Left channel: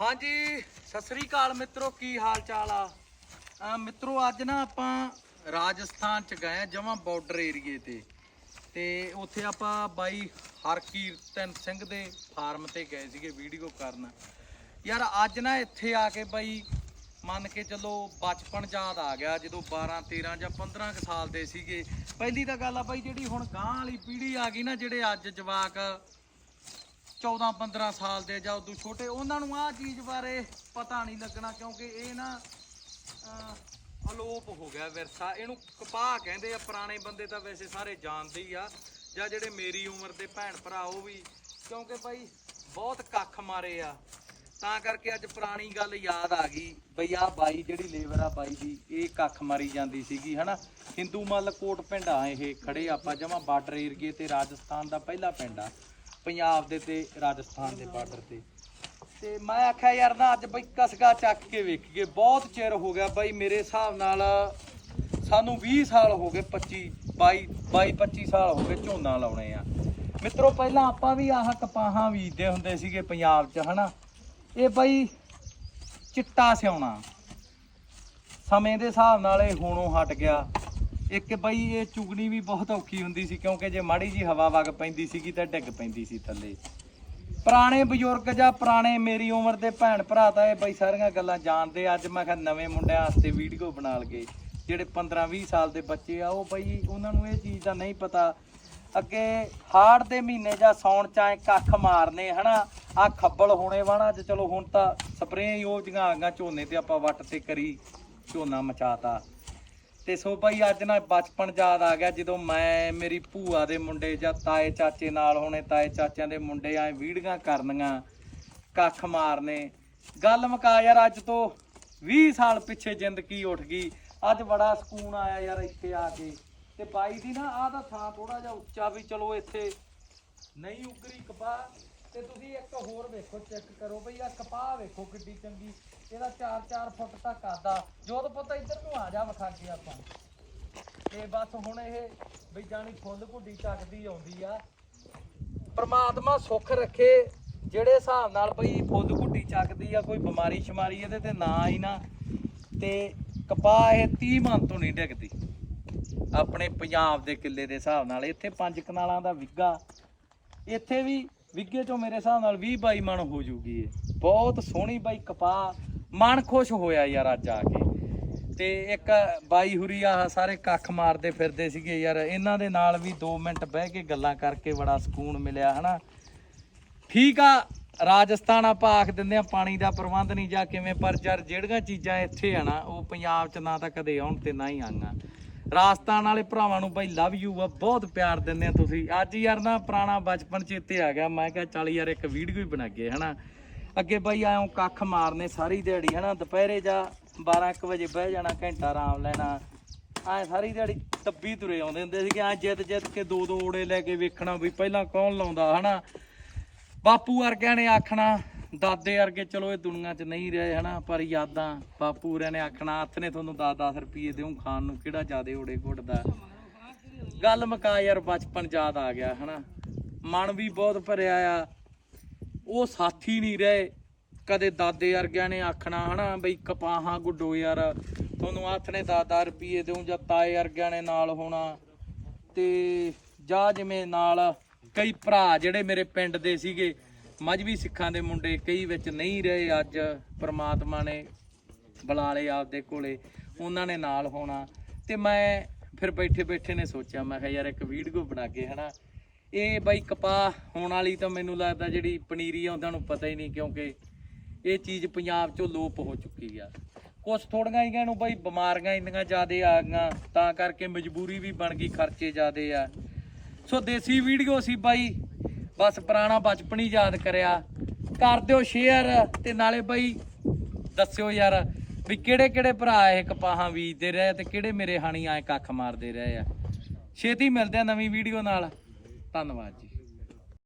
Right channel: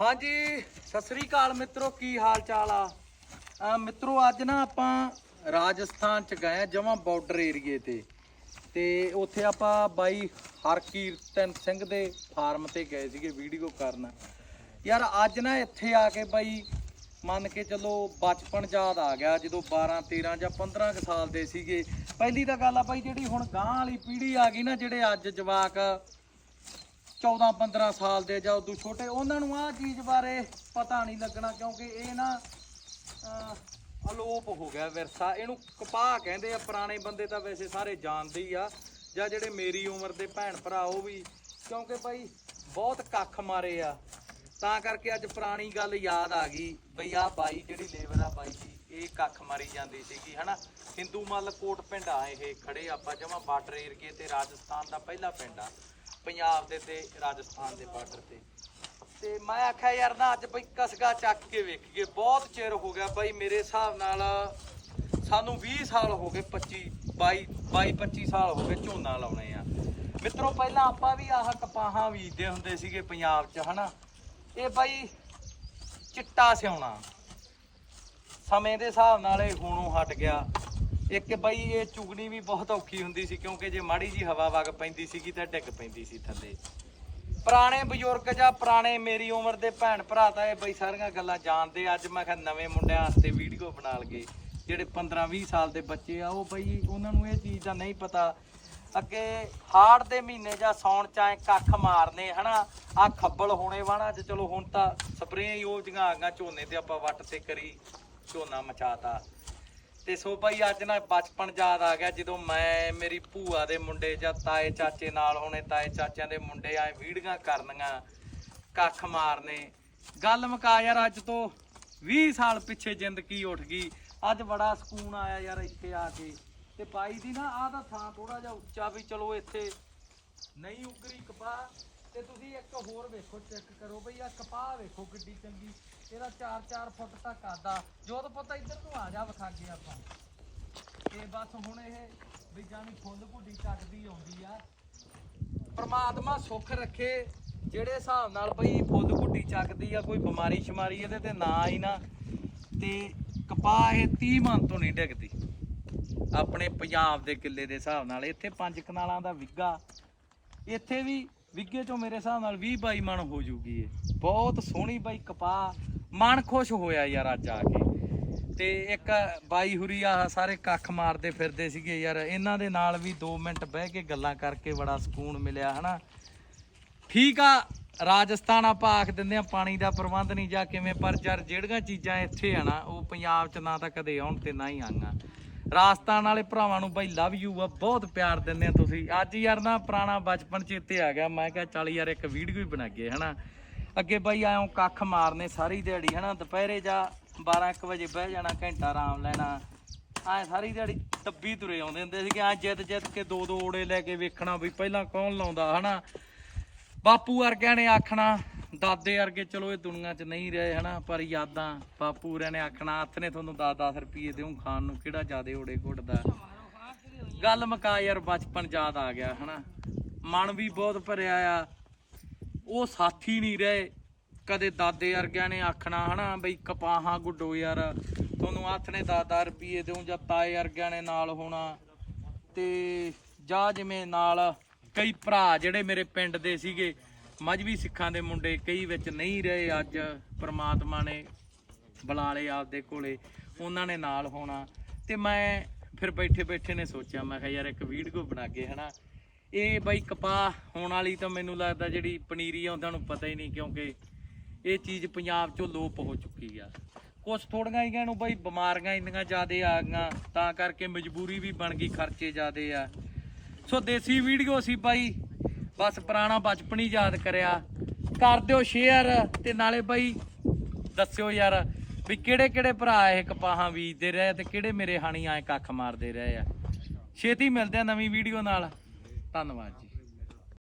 ਹਾਂਜੀ, ਸਤਿ ਸ੍ਰੀ ਅਕਾਲ ਮਿੱਤਰੋ, ਕੀ ਹਾਲ ਚਾਲ ਆ? ਮਿੱਤਰੋ, ਅੱਜ ਨਾ ਆਪਾਂ ਰਾਜਸਥਾਨ ਚ ਗਏ ਆ ਜਮਾਂ ਬਾਰਡਰ ਏਰੀਏ ਤੇ। ਤੇ ਉੱਥੇ ਆਪਾਂ ਬਾਈ ਹਰਕੀਰਤਨ ਸਿੰਘ ਦੇ ਫਾਰਮ ਤੇ ਗਏ ਸੀਗੇ ਵੀਡੀਓ ਕਰਨ। ਯਾਰ, ਅੱਜ ਨਾ ਇੱਥੇ ਆ ਕੇ ਬਾਈ, ਮੰਨ ਕੇ ਚਲੋ ਬਚਪਨ ਯਾਦ ਆ ਗਿਆ, ਜਦੋਂ 12 13 ਜਾਂ 15 ਕੁ ਸਾਲ ਦੇ ਸੀਗੇ। ਪਹਿਲੀ ਤਾਂ ਗੱਲ ਆ ਬਾਈ, ਜਿਹੜੀ ਹੁਣ ਗਾਂ ਵਾਲੀ ਪੀੜ੍ਹੀ ਆ ਗਈ ਨਾ, ਜਿਹੜੇ ਅੱਜ ਜਵਾਕ 14 15 ਸਾਲ ਦੇ ਜਾਂ ਉਦੋਂ ਛੋਟੇ ਉਹਨਾਂ ਨੂੰ ਆਹ ਚੀਜ਼ ਬਾਰੇ ਪਤਾ ਨਹੀਂ ਲੱਗਣਾ ਕਿਉਂਕਿ ਇਹ ਨਾ ਅਹ, ਅਲੋਪ ਹੋ ਗਿਆ ਵਿਰਸਾ। ਇਹਨੂੰ ਕਪਾਹ ਕਹਿੰਦੇ ਆ ਪੁਰਾਣੇ ਬੰਦੇ ਤਾਂ ਵੈਸੇ ਸਾਰੇ ਜਾਣਦੇ ਹੀ ਆ ਜਾਂ ਜਿਹੜੇ ਮੇਰੀ ਉਮਰ ਦੇ ਭੈਣ ਭਰਾ ਉਹ ਵੀ ਕਿਉਂਕਿ ਭਾਈ ਬਹੁਤ ਕੱਖ ਮਾਰੇ ਆ। ਤਾਂ ਕਰਕੇ ਅੱਜ ਪੁਰਾਣੀ ਗੱਲ ਯਾਦ ਆ ਗਈ ਬਈ ਆ ਬਾਈ ਜਿਹੜੀ ਲੇਬਰ ਆ ਬਾਈ ਦੀ ਇਹ ਕੱਖ ਮਾਰੀ ਜਾਂਦੀ ਸੀਗੀ ਹਨਾ? ਹਿੰਦੂ ਮੱਲ ਕੋਟ ਪਿੰਡ ਆ ਇਹ ਖੜੇ ਆਪਾਂ ਜਮਾ ਬਾਰਡਰ ਏਰੀਏ ਤੇ ਰਾਜਸਥਾਨ ਦਾ ਪਹਿਲਾ ਪਿੰਡ ਆ। ਪੰਜਾਬ ਦੇ ਤੇ ਰਾਜਸਥਾਨ ਦੇ ਬਾਰਡਰ ਤੇ। ਤੇ ਮੈਂ ਆਖਿਆ, ਯਾਰ ਨਾ, ਅੱਜ ਬਈ ਕਸਗਾ ਚੱਕ ਕੇ ਵੇਖੀਏ। ਬਹੁਤ ਚਿਰ ਹੋ ਗਿਆ ਬਈ ਮੇਰੇ ਹਿਸਾਬ ਨਾਲ ਸਾਨੂੰ 20 ਸਾਲ ਹੋ ਗਏ 25 22 22 25 ਸਾਲ ਹੋ ਗਏ ਝੋਨਾ ਲਾਉਣੇ ਆ। ਮਿੱਤਰੋ, ਪਹਿਲਾਂ ਆਪਾਂ ਵੀ ਆਹ ਕਪਾਹਾਂ ਬੀਜਦੇ ਹੁੰਦੇ ਸੀਗੇ ਪੰਜਾਬ 'ਚ, ਹਨਾ? ਇਹ ਬਈ ਚਿੱਟਾ ਸਿਉਣਾ। ਸਮੇਂ ਦੇ ਹਿਸਾਬ ਨਾਲ ਇਹ ਹੋਣੋਂ ਹਟ ਗਿਆ। ਇੱਕ ਬਈ ਇਹ ਚੁਗਣੀ ਵੀ ਬਹੁਤ ਔਖੀ ਹੁੰਦੀ ਸੀ, ਕਿਉਂਕਿ ਜੇ ਮਾੜੀ ਜੀ ਹਵਾ ਵਗ ਪੈਂਦੀ ਸੀਗੀ ਤਾਂ ਡਿੱਗ ਪੈਂਦੀ ਸੀ ਥੱਲੇ। ਪੁਰਾਣੇ ਬਜ਼ੁਰਗ ਜਾਂ ਪੁਰਾਣੇ ਮੇਰੀ ਉਮਰ ਦੇ ਭੈਣ ਭਰਾ ਤਾਂ ਇਹ ਬਈ ਸਾਰੀਆਂ ਗੱਲਾਂ ਜਾਣਦੇ ਅੱਜ ਮੈਂ ਕਿਹਾ ਨਵੇਂ ਮੁੰਡਿਆਂ ਵਾਸਤੇ ਵੀਡੀਓ ਬਣਾ ਲਗੇ। ਜਿਹੜੇ 15 20 ਸਾਲ ਦੇ ਬੱਚੇ ਆ, ਉਹ ਬਈ ਉਹਨਾਂ ਨੂੰ ਇਹ ਚੀਜ਼ ਦਾ ਨਹੀਂ ਪਤਾ। ਅੱਗੇ ਹਾੜ ਦੇ ਮਹੀਨੇ ਜਾਂ ਸੌਣ ਚ ਕੱਖ ਮਾਰਨੇ, ਹਨਾ? ਆ ਖੱਬਲ ਹੋਣੇ ਵਾਣਾ ਚ ਚਲੋ ਹੁਣ ਤਾਂ ਸਪਰੇਆਂ ਹੀ ਉਹ ਜੀਆਂ ਆ ਗਈਆਂ, ਝੋਨੇ ਤੇ ਆਪਾਂ ਵੱਟ ਤੇ ਕਰੀ, ਝੋਨਾ ਮਚਾਤਾ। ਤੇ ਸੋ ਭਾਈ ਅੱਜ ਨਾ ਬਚਪਨ ਯਾਦ ਆ ਗਿਆ ਜਦੋਂ ਮੈਂ, ਮੇਰੀ ਭੂਆ ਦੇ ਮੁੰਡੇ ਜਾਂ ਤਾਏ ਚਾਚੇ ਨਾਲ ਹੋਣੇ, ਤਾਏ ਚਾਚਿਆਂ ਦੇ ਮੁੰਡੇ ਐ ਵੀੜੀਆਂ ਕਰਨੀਆਂ, ਕੱਖ ਮਾਰਨੇ। ਗੱਲ ਮੁਕਾ ਯਾਰ ਅੱਜ ਤੋਂ 20 ਸਾਲ ਪਿੱਛੇ ਜ਼ਿੰਦਗੀ ਉੱਠ ਗਈ। ਅੱਜ ਬੜਾ ਸਕੂਨ ਆਇਆ ਯਾਰ ਇੱਥੇ ਆ ਕੇ। ਤੇ ਬਾਈ ਦੀ ਨਾ ਆਹ ਦਾ ਥਾਂ ਥੋੜਾ ਜਿਹਾ ਉੱਚਾ ਵੀ ਚਲੋ ਇੱਥੇ। ਨਹੀਂ ਉਗਰੀ ਕਪਾਹ। ਤੇ ਤੁਸੀਂ ਇੱਕ ਹੋਰ ਵੇਖੋ ਚੈੱਕ ਕਰੋ ਬਈ ਆ ਕਪਾਹ ਵੇਖੋ ਕਿੱਡੀ ਚੰਗੀ। ਇਹਦਾ 4-4 ਫੁੱਟ ਤੱਕ ਆਦਾ। ਜੋਤ ਪੁੱਤ, ਇੱਧਰ ਨੂੰ ਆ ਜਾ ਵਿਖਾਗੇ ਆਪਾਂ। ਤੇ ਬਸ ਹੁਣ ਇਹ ਬਈ ਜਾਣੀ ਫੁੱਲ ਘੁੱਡੀ ਚੱਕਦੀ ਆਉਂਦੀ ਆ। ਪ੍ਰਮਾਤਮਾ ਸੁੱਖ ਰੱਖੇ, ਜਿਹੜੇ ਹਿਸਾਬ ਨਾਲ ਬਈ ਫੁੱਲ ਘੁੱਡੀ ਚੱਕਦੀ ਆ, ਕੋਈ ਬਿਮਾਰੀ ਸ਼ਮਾਰੀ ਇਹਦੇ ਤੇ ਨਾ ਆਈ ਨਾ। ਤੇ ਕਪਾਹ ਇਹ 30 ਮਨ ਤੋਂ ਨਹੀਂ ਡਿੱਗਦੀ। ਆਪਣੇ ਪੰਜਾਬ ਦੇ ਕਿੱਲੇ ਦੇ ਹਿਸਾਬ ਨਾਲ, ਇੱਥੇ ਪੰਜ ਕਨਾਲਾਂ ਦਾ ਵਿੱਗਾ ਇੱਥੇ ਵੀ ਵਿੱਗੇ ਚੋਂ ਮੇਰੇ ਹਿਸਾਬ ਨਾਲ 20 22 ਮਣ ਹੋ ਜੂਗੀ ਇਹ। ਬਹੁਤ ਸੋਹਣੀ ਬਾਈ ਕਪਾਹ। ਮਨ ਖੁਸ਼ ਹੋਇਆ ਯਾਰ ਅੱਜ ਆ ਕੇ। ਤੇ ਇੱਕ ਬਾਈ ਹੁਰੀ ਆ ਸਾਰੇ ਕੱਖ ਮਾਰਦੇ ਫਿਰਦੇ ਸੀਗੇ ਯਾਰ। ਇਹਨਾਂ ਦੇ ਨਾਲ ਵੀ 2 ਮਿੰਟ ਬਹਿ ਕੇ ਗੱਲਾਂ ਕਰਕੇ ਬੜਾ ਸਕੂਨ ਮਿਲਿਆ, ਹਨਾ? ਠੀਕ ਆ, ਰਾਜਸਥਾਨ ਆਪਾਂ ਆਖ ਦਿੰਦੇ ਆ, ਪਾਣੀ ਦਾ ਪ੍ਰਬੰਧ ਨਹੀਂ ਜਾਂ ਕਿਵੇਂ, ਪਰ ਯਾਰ ਜਿਹੜੀਆਂ ਚੀਜ਼ਾਂ ਇੱਥੇ ਆ ਨਾ, ਉਹ ਪੰਜਾਬ 'ਚ ਨਾ ਤਾਂ ਕਦੇ ਆਉਣ ਤੇ ਨਾ ਹੀ ਆਈਆਂ ਰਾਜਸਥਾਨ ਵਾਲੇ ਭਰਾਵਾਂ ਨੂੰ ਬਾਈ ਲਵ ਯੂ ਆ, ਬਹੁਤ ਪਿਆਰ ਦਿੰਦੇ ਆ ਤੁਸੀਂ। ਅੱਜ ਯਾਰ ਨਾ ਪੁਰਾਣਾ ਬਚਪਨ ਚੇਤੇ ਆ ਗਿਆ। ਮੈਂ ਕਿਹਾ ਚੱਲ ਯਾਰ ਇੱਕ ਵੀਡੀਓ ਹੀ ਬਣਾਈਏ ਹਨਾ। ਅੱਗੇ ਬਾਈ ਆਇਓ ਕੱਖ ਮਾਰਨੇ ਸਾਰੀ ਦਿਹਾੜੀ, ਹਨਾ। ਦੁਪਹਿਰੇ ਜਾ 12 1 ਵਜੇ ਬਹਿ ਜਾਣਾ, ਘੰਟਾ ਆਰਾਮ ਲੈਣਾ। ਐ ਸਾਰੀ ਦਿਹਾੜੀ ਤੱਬੀ ਤੁਰੇ ਆਉਂਦੇ ਹੁੰਦੇ ਸੀ ਕਿ ਐ ਜਿੱਤ ਜਿੱਤ ਕੇ ਦੋ ਦੋ ਓੜੇ ਲੈ ਕੇ ਵੇਖਣਾ ਵੀ ਪਹਿਲਾਂ ਕੌਣ ਲਾਉਂਦਾ, ਹਨਾ। ਬਾਪੂ ਵਰਗਿਆਂ ਨੇ ਆਖਣਾ ਦਾਦੇ ਵਰਗੇ ਚਲੋ ਇਹ ਦੁਨੀਆ 'ਚ ਨਹੀਂ ਰਹੇ ਹਨਾ, ਪਰ ਯਾਦਾਂ, ਬਾਪੂ ਵਰਗਿਆਂ ਨੇ ਆਖਣਾ, ਹੱਥ ਨੇ ਤੁਹਾਨੂੰ 10-10 ਰੁਪਏ ਦੇਉ ਖਾਣ ਨੂੰ, ਕਿਹੜਾ ਜਿਆਦੇ ਓੜੇ ਘੁੱਟਦਾ। ਗੱਲ ਮਕਾ ਯਾਰ, ਬਚਪਨ ਯਾਦ ਆ ਗਿਆ ਹਨਾ। ਮਨ ਵੀ ਬਹੁਤ ਭਰਿਆ ਆ। ਉਹ ਸਾਥੀ ਨਹੀਂ ਰਹੇ। ਕਦੇ ਦਾਦੇ ਵਰਗਿਆਂ ਨੇ ਆਖਣਾ ਹਨਾ, ਬਈ ਕਪਾਹਾਂ ਗੁੱਡੋ ਯਾਰ, ਤੁਹਾਨੂੰ ਹੱਥ ਨੇ 10-10 ਰੁਪਏ ਦੇਉ ਜਾਂ ਤਾਏ ਵਰਗਿਆਂ ਨੇ ਨਾਲ ਹੋਣਾ। ਤੇ ਜਾਂ ਜਿਵੇਂ ਨਾਲ ਕਈ ਭਰਾ ਜਿਹੜੇ ਮੇਰੇ ਪਿੰਡ ਦੇ ਸੀਗੇ ਮਜਬੀ ਸਿੱਖਾਂ ਦੇ ਮੁੰਡੇ, ਕਈ ਵਿੱਚ ਨਹੀਂ ਰਹੇ ਅੱਜ, ਪ੍ਰਮਾਤਮਾ ਨੇ ਬੁਲਾ ਲਏ ਆਪਦੇ ਕੋਲੇ, ਉਹਨਾਂ ਨੇ ਨਾਲ ਹੋਣਾ। ਤੇ ਮੈਂ ਫਿਰ ਬੈਠੇ ਬੈਠੇ ਨੇ ਸੋਚਿਆ, ਮੈਂ ਕਿਹਾ ਯਾਰ ਇੱਕ ਵੀਡੀਓ ਬਣਾ ਕੇ ਹਨਾ। ਇਹ ਬਾਈ ਕਪਾਹ ਹੋਣ ਵਾਲੀ ਤਾਂ ਮੈਨੂੰ ਲੱਗਦਾ ਜਿਹੜੀ ਪਨੀਰੀ ਆ, ਉਹਨਾਂ ਨੂੰ ਪਤਾ ਹੀ ਨਹੀਂ, ਕਿਉਂਕਿ ਇਹ ਚੀਜ਼ ਪੰਜਾਬ ਚੋਂ ਲੋਪ ਹੋ ਚੁੱਕੀ ਆ। ਕੁਝ ਥੋੜੀਆਂ ਹੀ ਨੂੰ ਬਾਈ, ਬਿਮਾਰੀਆਂ ਇੰਨੀਆਂ ਜ਼ਿਆਦੇ ਆ ਗਈਆਂ, ਤਾਂ ਕਰਕੇ ਮਜਬੂਰੀ ਵੀ ਬਣ ਗਈ, ਖਰਚੇ ਜ਼ਿਆਦੇ ਆ। ਸੋ ਦੇਸੀ ਵੀਡੀਓ ਸੀ ਬਾਈ ਬਸ ਪੁਰਾਣਾ ਬਚਪਨ ਹੀ ਯਾਦ ਕਰਿਆ। ਕਰ ਦਿਓ ਸ਼ੇਅਰ ਤੇ ਨਾਲੇ ਬਾਈ ਦੱਸਿਓ ਯਾਰ ਵੀ ਕਿਹੜੇ ਕਿਹੜੇ ਭਰਾ ਇਹ ਕਪਾਹਾਂ ਬੀਜਦੇ ਰਹੇ ਤੇ ਕਿਹੜੇ ਮੇਰੇ ਹਾਣੀ ਆਏ ਕੱਖ ਮਾਰਦੇ ਰਹੇ ਆ। ਛੇਤੀ ਮਿਲਦੇ ਆ ਨਵੀਂ ਵੀਡੀਓ ਨਾਲ। ਧੰਨਵਾਦ ਜੀ।